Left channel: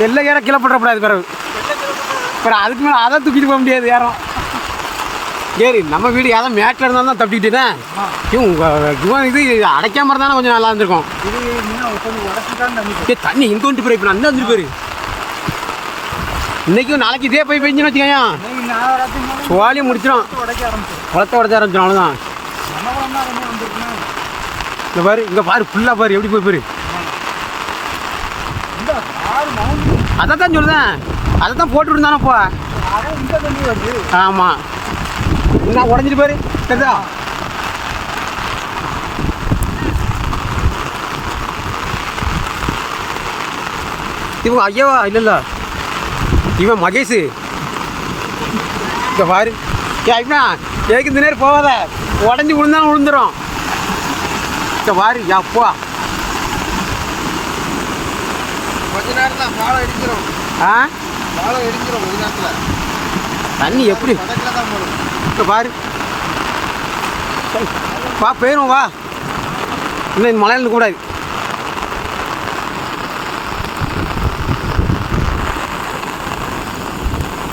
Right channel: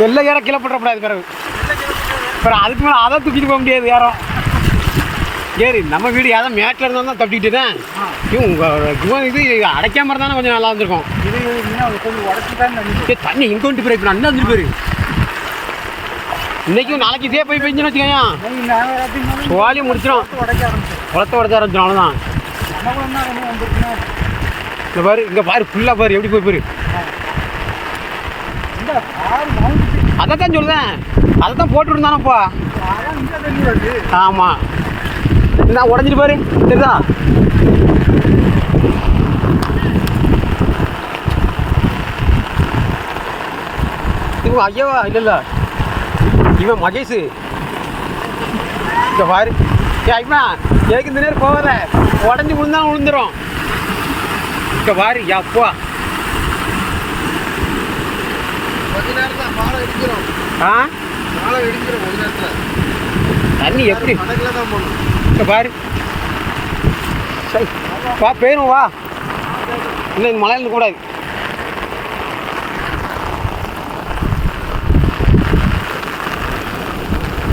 வெள்ளை ஏற கீழே போட்டுறக்கூடாது பிறகு. அப்புறம் அதுக்கு மேலே அதை தூக்கிட்டு போக முடியாது யாரும். சரி நம்ம வீடு யாரும் மேட்டில் இருந்தால் தான் தப்பிக்கிட்டேன். இவன் இது அடைக்காம இருந்தானே கொஞ்சம் நல்லா இருந்திருக்கும். இது கொஞ்சம் உடச்சி தான் தண்ணி. தண்ணி இங்கே வந்துட்டு போயிரு. இப்போ நான் என்ன வந்துட்டு போயிரு. இன்றைக்கும் நாளைக்கு இதே போய் பெஞ்சுன்னு வச்சுக்கோங்க. சோழி முடிச்சிடும். குளத்தை உடச்ச ஆரம்பிச்சிடும். அவ்வளோதான். இங்கே பாரு, இங்கே பாரு, ஃபுல்லாக பாரு எப்படி போய் போயிரு. அதை தான் சொல்லுதேன். அதை தான் போட்டு இருந்தானப்பா. ஆமாம், நான் உடஞ்சிட்டு பாரு. தெரியுதா? இவங்க ஐயாவா? இல்லைல்ல, இவன் மகேஷ். இப்போ பாரு. ஐயா கேட்கு இந்த நேரம் போகாத, உடஞ்சி விழுந்தாலும் விழுந்துடும். இப்போ பாரு. அப்பா கொஞ்ச நேரத்தில் பாலை அடிக்கிறோம். பாலை அடிக்கிறோம் கொஞ்ச நேரத்தில். தண்ணி எப்படி படகுல தான் போகணும். இப்போ பாரு. வா போயிடும். வா, இல்லை இந்த மலையில் கூடாது.